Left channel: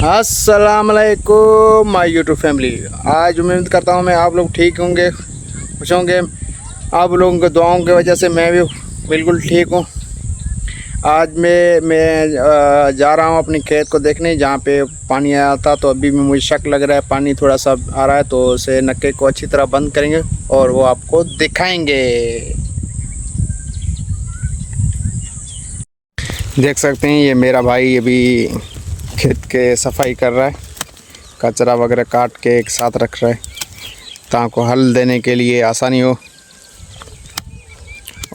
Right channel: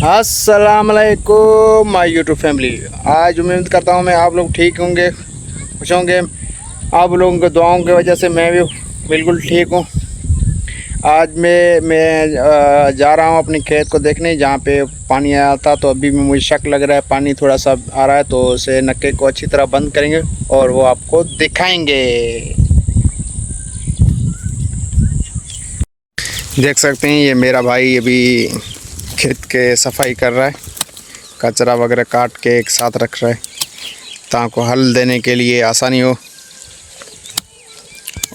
अस्सलाम वालेकुम my YouTube family. आज उम्मीद करता हूँ मैं आप लोग ठीक होंगे, खुश होंगे। आप लोगों के दुआओं की वजह से मैं भी बिल्कुल ठीक हूँ। आज मैं जा रहा हूँ अपने खेत को देखने, जहाँ पे पानी आया था। तो अभी भी मुझे शक लग रहा है, पानी थोड़ा सा आ रहा है, तो उसे नक्के को अच्छी तरह बंद करेंगे और वो आपको दिखाएंगे। देख सकते हैं ये मेरा भाई अभी खेत के सफाई कर रहा है, कचरा वगैरह काट के एक साथ रख रहा है ताकि हल देने के लिए आसानी हो।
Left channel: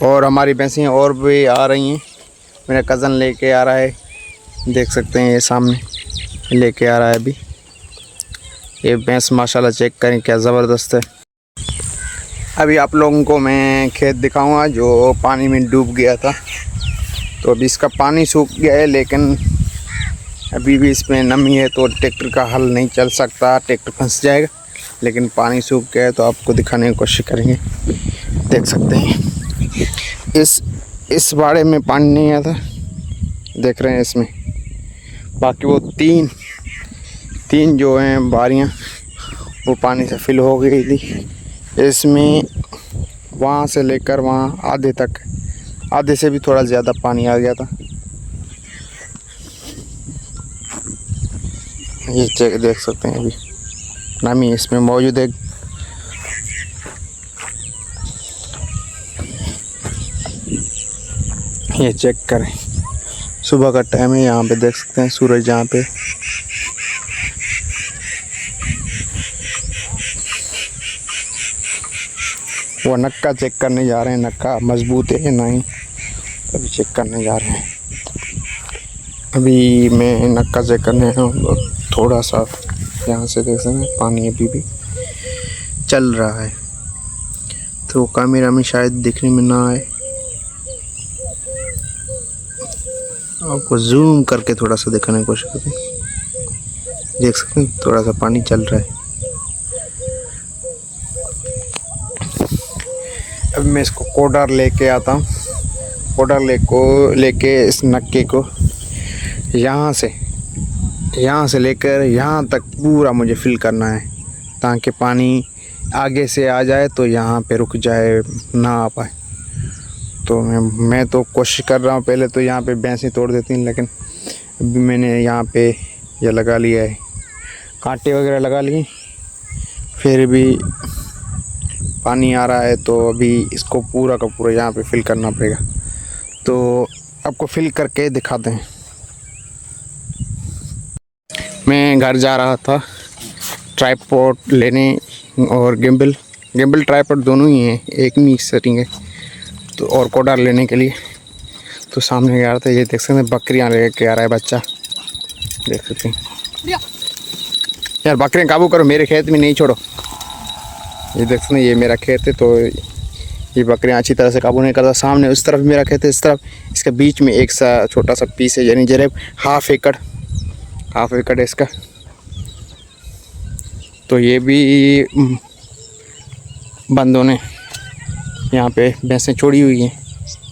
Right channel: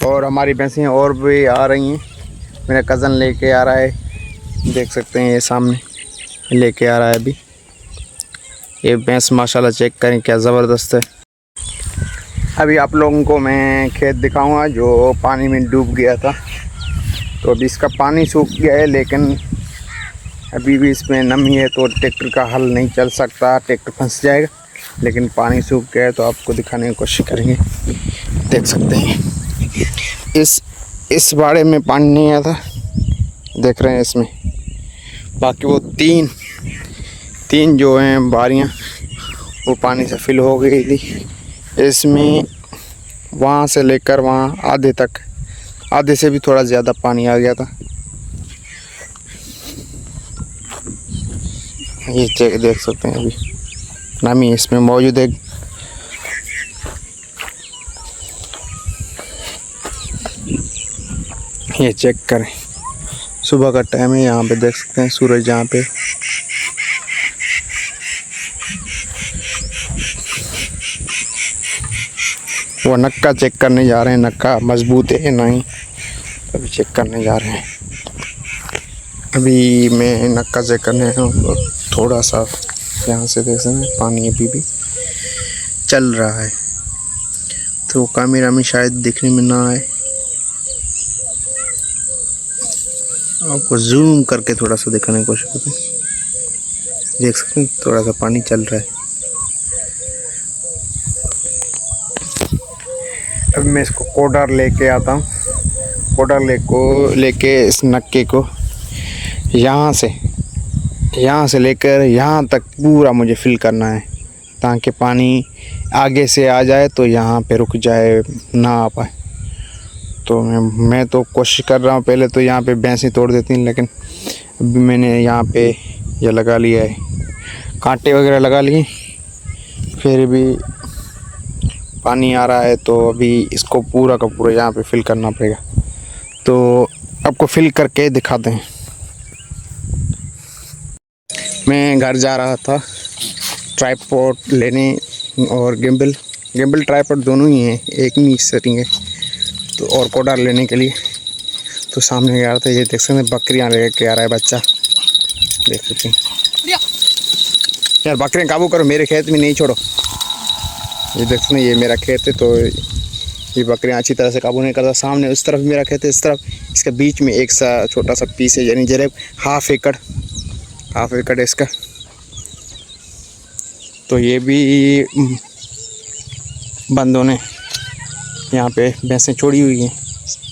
और हमारी भैंसें और भी आ रही हैं, मेरा कज़न लेके आ रहा है। देख सकते हैं ये सामने लेके आ रहा है अभी। ये भैंस माशाल्लाह चेक करें क्या ज़बरदस्त है। अभी आप लोगों को मैं खेत दिखाऊंगा जो पानी में डूब गया था। तो अभी इसका पानी सूख गया है, लेकिन अभी भी इसमें नमी है तो ट्रैक्टर का हल नहीं चल सकता, ट्रैक्टर फंस जाएगा। लेकिन पानी सूख गया है तो आपको दिखाने की कोशिश करेंगे। देख सकते हैं इस बाड़े में पानी नहीं आया था, देख रहे हैं इसमें। बाकी वो तीन जो हैं बारियां वो पानी से फिल हो गई थी। इसमें वहाँ से लेकर वहाँ आधे तक, आधे से भी थोड़ा ज़्यादा पानी आ गया था। ये चेक देख सकते हैं, अभी नमी इसमें मौजूद है। ये चेक करें, सुबह का टाइम है। यहाँ पे देख सकते हैं सूरज यहाँ पे वो नक्का चेक करने जा रहे हैं, नक्का मजबूत है नहीं, अभी चेक करने जा रहे हैं। अभी मैं नक्का चेक करने हूँ, थोड़ा सा यहाँ से देख सकते हैं पानी अभी भी चल रहा है, तो कैमरा में शायद दिखने में ना आए। आपको जूम करके थोड़ा सा दिखाने की कोशिश करते हैं। देख सकते हैं थोड़ा सा पानी चल रहा है। अब मैं इसको कोडर लेके आता हूँ। कोडर लेके इस नक्के को यहाँ से लेकर यहाँ तक पूरा मुझे फिल करना है, ताकि पानी आगे से आ जाए तो यहाँ पे रुक जाए, ना आ पाए। तो मैं तो कोशिश कर रहा हूँ। पहले तो यहाँ पे भैंसें तोड़ देती हैं, लेकिन अभी मैंने यहाँ पे ये लगा लिया है, कांटे वगैरह लगा लिए। फिर भी पानी आ रहा है तो अभी इसको पूरा का पूरा यहाँ पे फिल करना पड़ेगा। तो आपको फिल करके दिखाते हैं। मैं घर जा रहा था ट्राइपॉड लेने, और गिम्बल ट्राइपॉड दोनों ही हैं, एक नहीं सेटिंग है। तो और कोडर लेने के लिए तो सामने गया था। ये देख सकते हैं बकरियाँ लेके आ रहा है बच्चा, देख सकते हैं। यार बकरियाँ काबू करो, मेरे खेत में नहीं छोड़ो। ये देख सकते हैं ये मेरा खेत है, तो ये बकरियाँ अच्छी तरह से काबू नहीं करता। सामने उस तरफ मेरा खेत है, इस तरफ इसके बीच में एक सा छोटा सा पीस है, यानी जरा हाफ एकड़ है इसका। तो ये भी बंदों ने यहाँ पे भैंसें छोड़ी हुई हैं।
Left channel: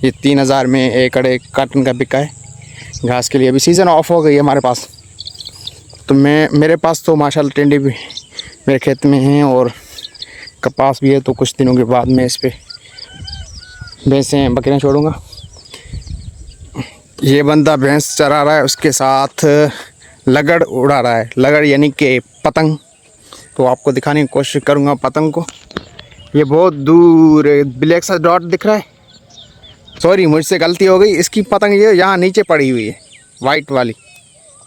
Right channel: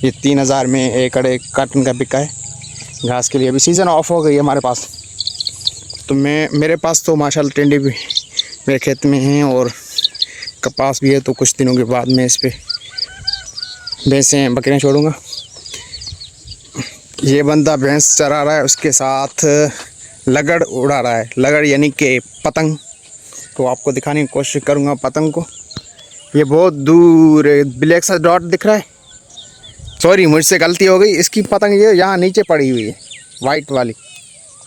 ये 3000 में एकड़ एक कार्टन का बिका है घास के लिए। अभी सीज़न ऑफ हो गई है हमारे पास, तो मेरे पास तो माशाल्लाह टिंडे भी मेरे खेत में हैं और कपास भी है। तो कुछ दिनों के बाद मैं इस पर भैंसें बकरियाँ छोड़ूंगा। ये बंदा भैंस चरा रहा है, उसके साथ लगड़ उड़ा रहा है, लगड़ यानी कि पतंग। तो आपको दिखाने की कोशिश करूँगा पतंग को। ये बहुत दूर ब्लैक सा डॉट दिख रहा है, सॉरी मुझसे गलती हो गई। इसकी पतंग ये यहाँ नीचे पड़ी हुई है, वाइट वाली,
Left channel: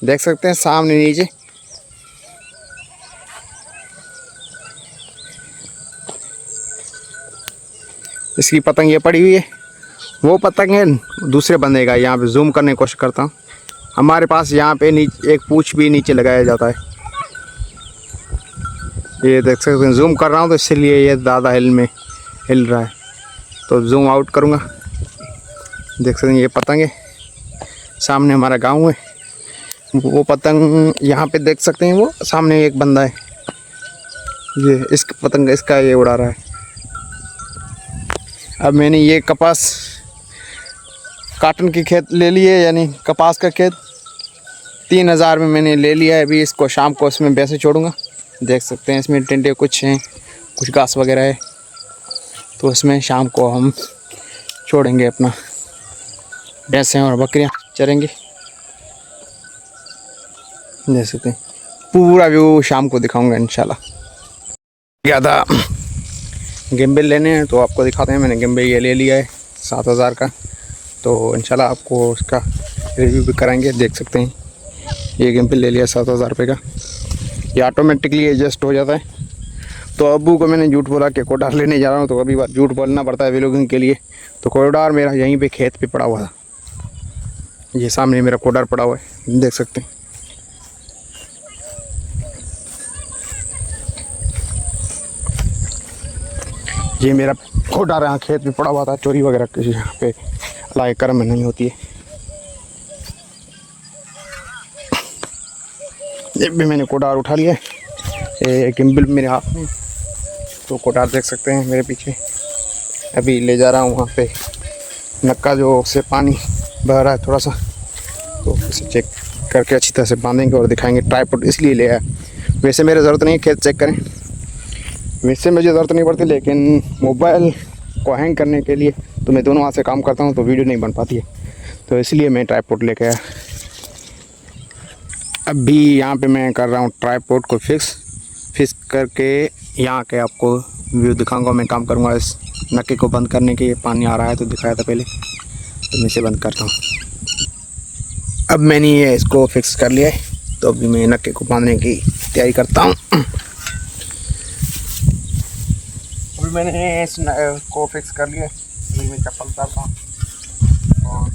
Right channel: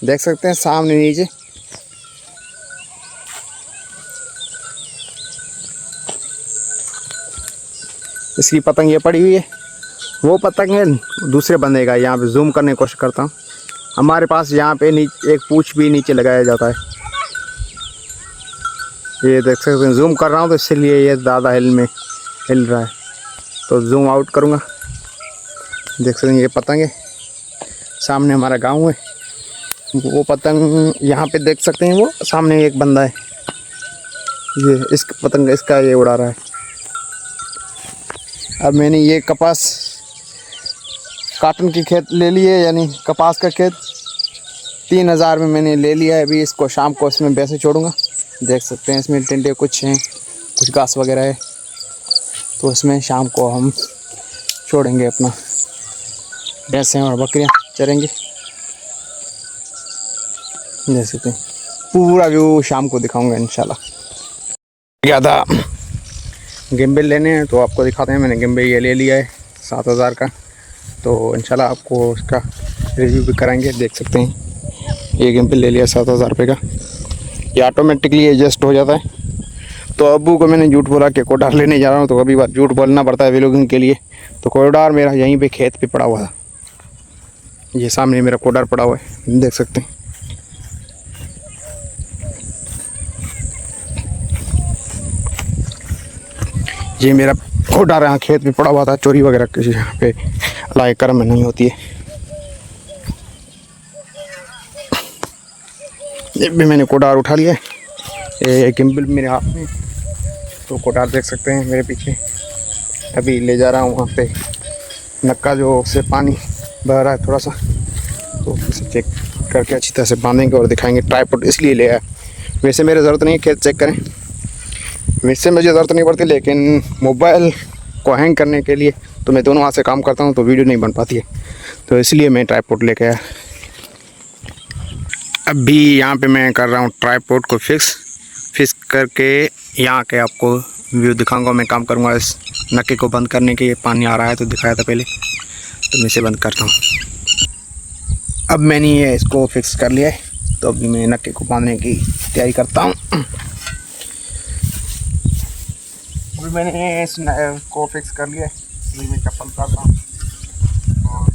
देख सकते हैं सामने नीचे। इसकी पतंग ये पड़ी हुई है, वो पतंग है दूसरे बंदे का। यहाँ पे जूम करने की कोशिश करता हूँ। हमारे पास यहाँ पे एक पूँछ भी नीचे लगाया जाता है। ये देख सकते हैं, जूम कर रहा हूँ तो इसलिए ये ज़्यादा हिल रहा है। तो जूम आउट करूँगा, देख सकते हैं ये पतंग है। सामने हमारा गांव है, वो पतंग यहाँ पे देख सकते हैं। वो सामने एक बंदा है, ये इस पतंग इसका ये उड़ा रहा है। अब मैंने ये कपास काटन की खेत ले लिए, यानी कपास का खेत। 3,000 में मैंने ले लिया है। अभी इसको शाम को इसमें भैंसे छोड़ूंगा। देख सकते हैं इसमें टिंडे कुछ हैं, कुछ घास वगैरह है, तो इसमें शाम को हम छोड़ेंगे अपना भैंसें और बकरियां चरेंगी। देख सकते हैं पूरा व्यू शाम को दिखाऊंगा इंशाल्लाह। गया था गिम्बल लेने हैं तो आपको दिखाते हैं। मैंने गिम्बल ये ले लिया है 7,000 का, तो इंशाल्लाह आपको उसका रिव्यू भी कराएंगे। देख सकते हैं ये गिम्बल ले लिया 7,000 रुपये का। ये ऑटोमेटिकली एडजस्ट हो जाता है। तो अब्बू को मैंने झूठ बोला कि कोडार लेने जा रहा हूँ, तो कभी बार झूठ बोलना पड़ता है व्लॉगिंग के लिए। तो कोडार मेरा यहीं पे खेत पे पड़ा हुआ था। ये सामने मेरा कोडार पड़ा हुआ है, देख सकते हैं। ये मेरा कोडार यहाँ खेत में पड़ा हुआ था। चोरी वगैरह किसी यहाँ पे अल्लाह के करम में नहीं होती है। ये भी मैंने कोडार उठा लिया है। ये गिम्बल मेरे हाथ में, तो कोडार देख सकते हैं मेरे पीछे। अभी ले जा रहा हूँ वहाँ पे नक्का जो से पानी बह रहा है थोड़ा सा, तो इसे चेक करके अच्छी तरह से बांधेंगे और दिखाएंगे। ट्राइपॉड इसलिए ले आया, वैसे मेरे ज़रूरत नहीं है खेत चेक करें, वैसे मुझे ज़रूरत नहीं पड़ती, लेकिन मोबाइल को हैंग करने के लिए तो मैं दोनों हाथ से काम करता हूँ तो वीडियो नहीं बन पाती है, तो इसलिए मैं ट्राइपॉड लेके आया। अभी यहाँ पे मैं कर रहा हूँ ट्राइपॉड को फिक्स करके यहाँ के आपको व्यू दिखाऊंगा। मैं काम करूँगा इस नक्के को बंद करने के। पानी आ रहा है तो दिखाया था पहले, तो मैं इसे बंद करता हूँ। अब मैंने ये इसको फिक्स कर लिया है, तो अभी मैं नक्के को बांधने की तैयारी करता हूँ। अभी मैंने इस को फिक्स कर लिया है। अभी मैं चप्पल उतारता हूँ और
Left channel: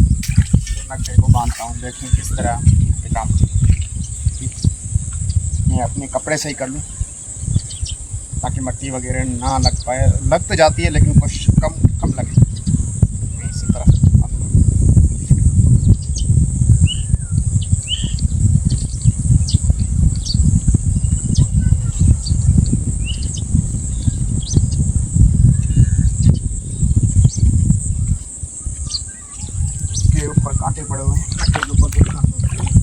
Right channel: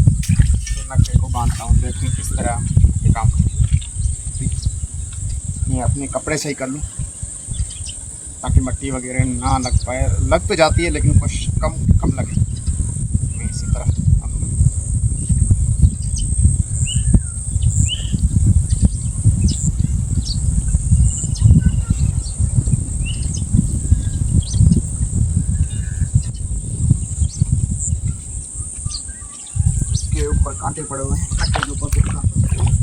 नक्के को बांधता हूँ। देखें किस तरह ये काम मैं अपने कपड़े से ही कर लूँ ताकि मिट्टी वगैरह ना लग पाए। लग तो जाती है लेकिन कुछ कम लगे। मैं इसी तरह के ऊपर कांटे पड़े हुए हैं, नक्के के ऊपर कुछ कांटे पड़े हुए हैं।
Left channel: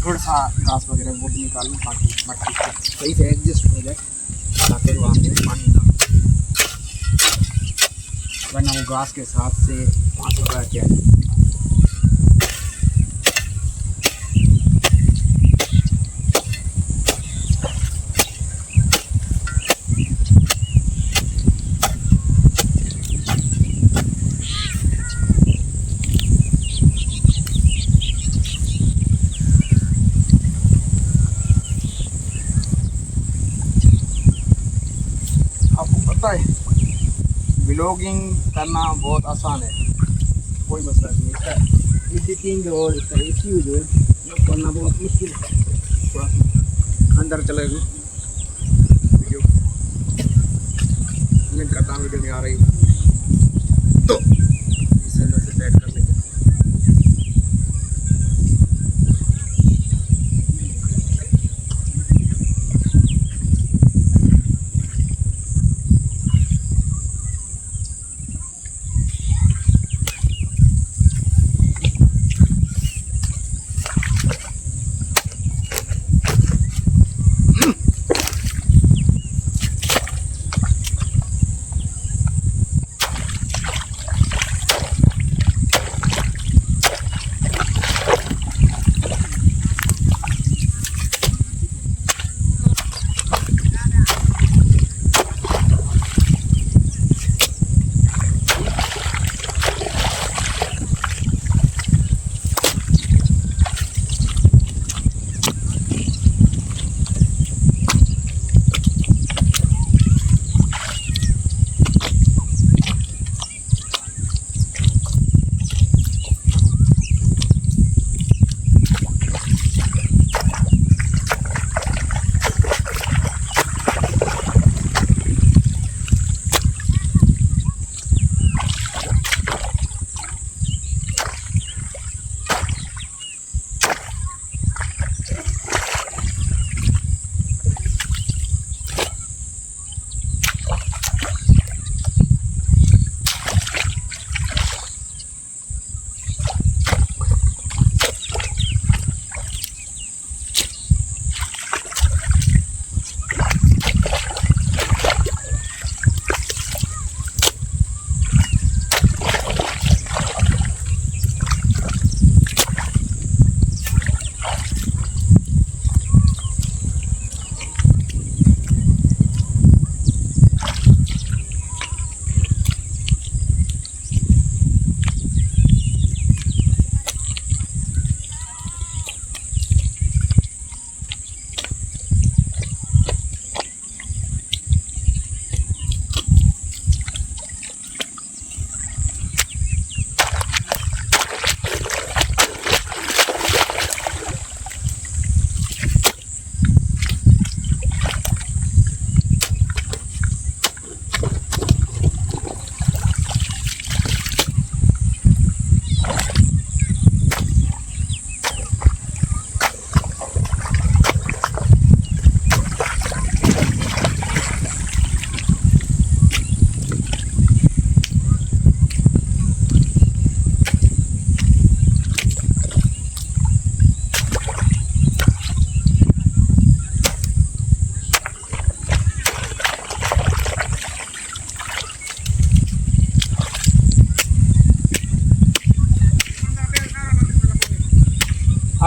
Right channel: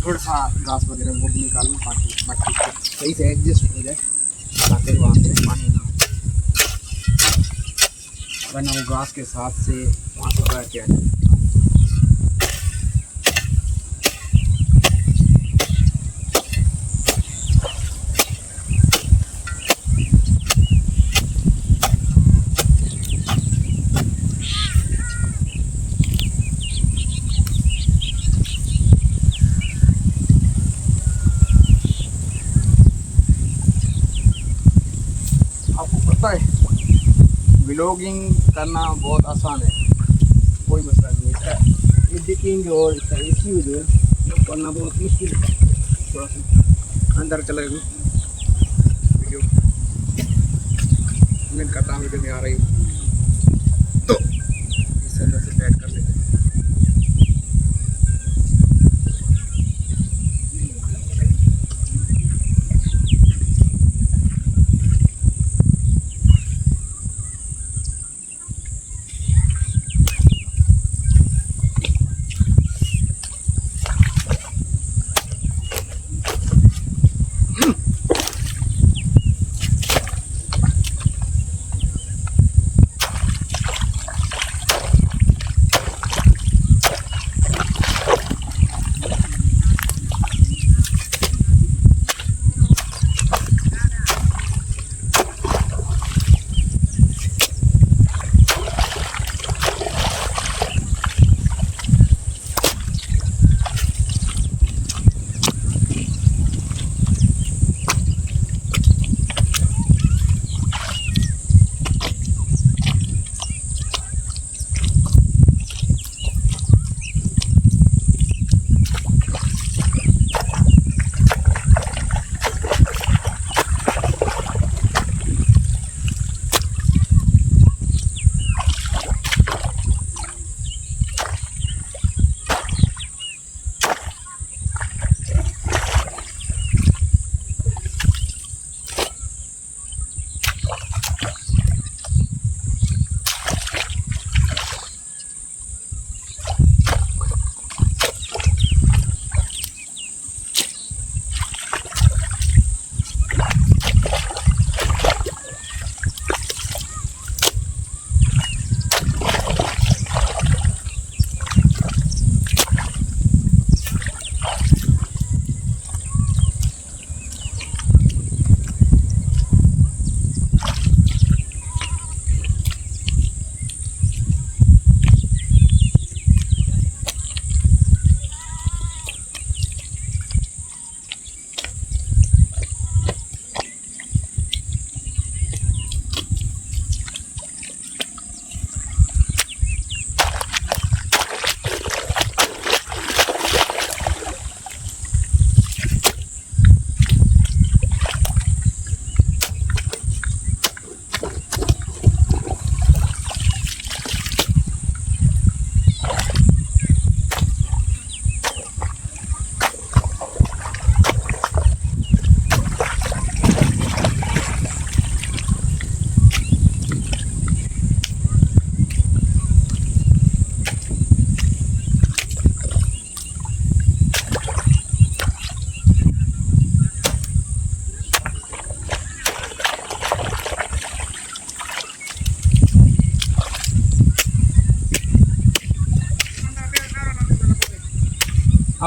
थोड़ा सा घास वगैरह वो भी निकाल लूँ ताकि मट्टी सही से एडजस्ट हो जाए, ताकि वहाँ पे पानी ना, वरना वो घास के साथ से वहाँ से बह के आ जाए। आपको पता है व्लॉगिंग करना बहुत आसान है, कोई मसला नहीं है। इसका एडिटिंग और इसका EQ जो है वो करना बहुत मुश्किल है। थोड़ा सा अंदर चले गए वीडियो मैं करता हूँ, वीडियो में आ रही हूँ तो इस अंदर से बैठ कर लेते हैं।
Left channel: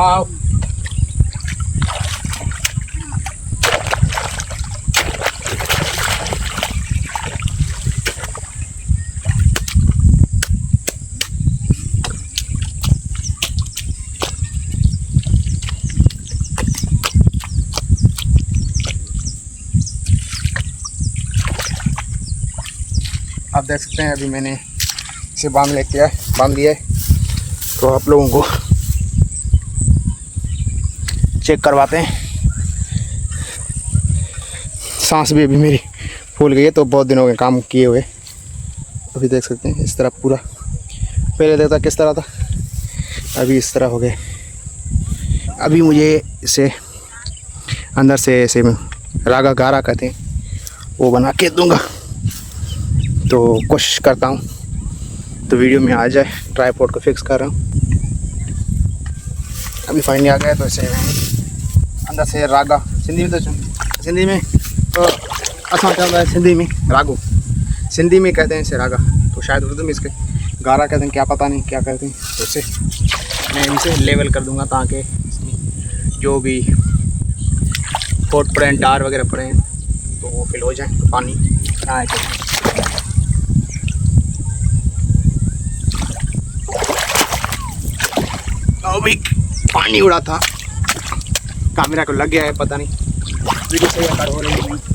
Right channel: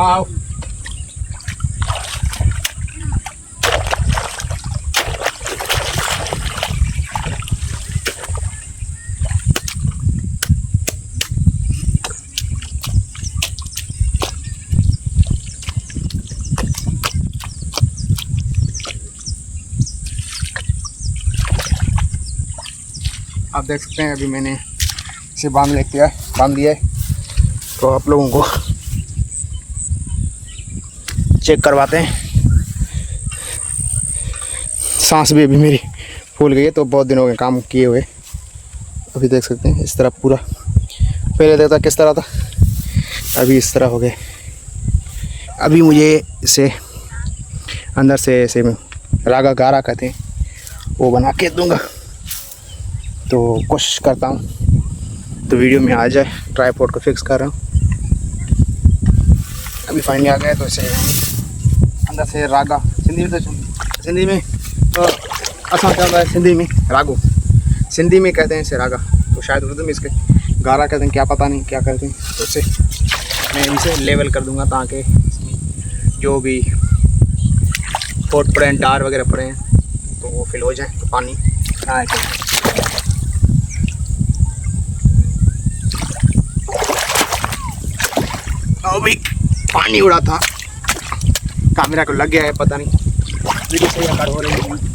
आओ। आप देख सकते हैं अभी मैंने इसे बांध लिया है। तो आप लोगों को चेक करवाते हैं। सांस भी अभी मेरी फूल गई है, तो बहुत दिन हो गए काम किए हुए। अभी देख सकते हैं इस तरह पूरा, पहले देखता किस तरह था, अभी इस तरह हो गए। अभी मुझे इसे अंदर से ऐसे रागा गारा कहते हैं वो बना के दूंगा, तो कोशिश करता हूँ तो वीडियो में आ जाए। ट्राइपॉड को फिक्स कर रहा हूँ, अभी फाइनली आ गया। तो इसे अंदर से रागा, सिंधी में तो असां चवंदा है सिंधी में रागो, सिंधी में कहते हैं इसे रागा, तो शायद उर्दू में इसके गारा कहते हैं, क्या पता नहीं क्या कहते हैं। तो इसे मैं इसे लेवल कर दूंगा ताकि इसमें जो भी पोट पड़े हैं, टार वगैरह पड़े हैं, तो वो फिल हो जाए, तो पानी ना आए। अभी पानी उड़ा था, कैमरा को लग गया है, पता नहीं वीडियो सही आकार हो रही है।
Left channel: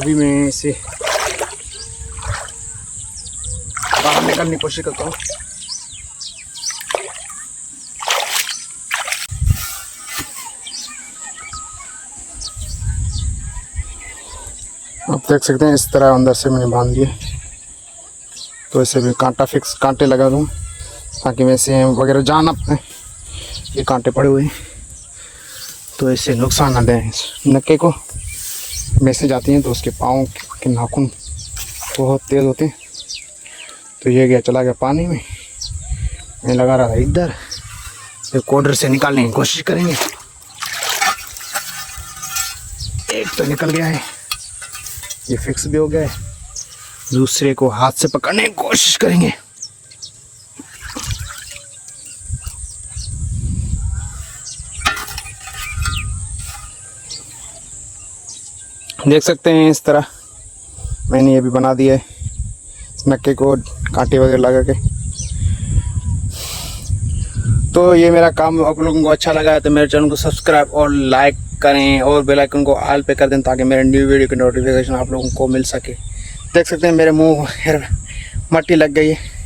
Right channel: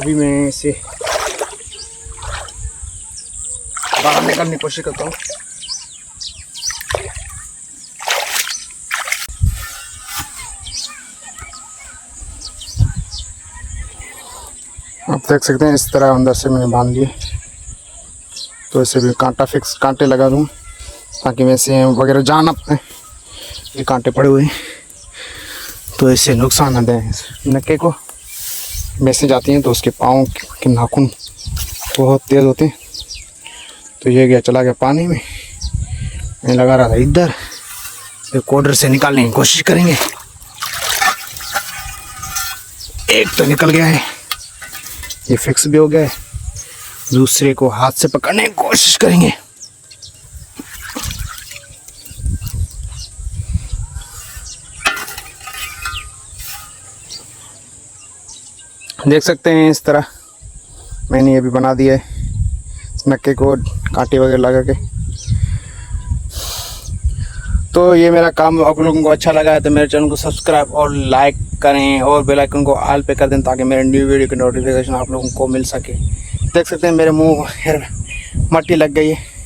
अभी मैं इसे बाहर निकालने की कोशिश करता हूँ। आप देख सकते हैं इस तरह अंदर से मैंने बांध लिया, तो इसे भी कांटे लगा दूँ ताकि मैं इसे वगैरह जान अपने ये कांटे पड़े हुए हैं, तो इससे नुकसान ना दें नक्के को। मैसेज आती हैं तो उसके पाँव के नाखून बहुत तेज़ होते हैं। तो ये गया, चला गया पानी में। मैं लगा रहा था इधर, तो कोडर से निकालने की कोशिश करेंगे। एक तो निकल गया है, ये फिक्स भी हो गया है, दूसरे को हाथ से पकड़ने की कोशिश करेंगे। देख सकते हैं इस तरह मैंने ये भी बना दिया है, नक्के को कांटे वगैरह लगा के। तो ये मेरा काम आप लोगों को अच्छा लगा है तो मेरे चैनल को सब्सक्राइब और लाइक करें और बेल आइकन को ऑल पे कर दें ताकि मेरे न्यू वीडियो की नोटिफिकेशन आप लोगों को मिल सके। देख सकते हैं मेरे मुंह मट्टी लग गई है।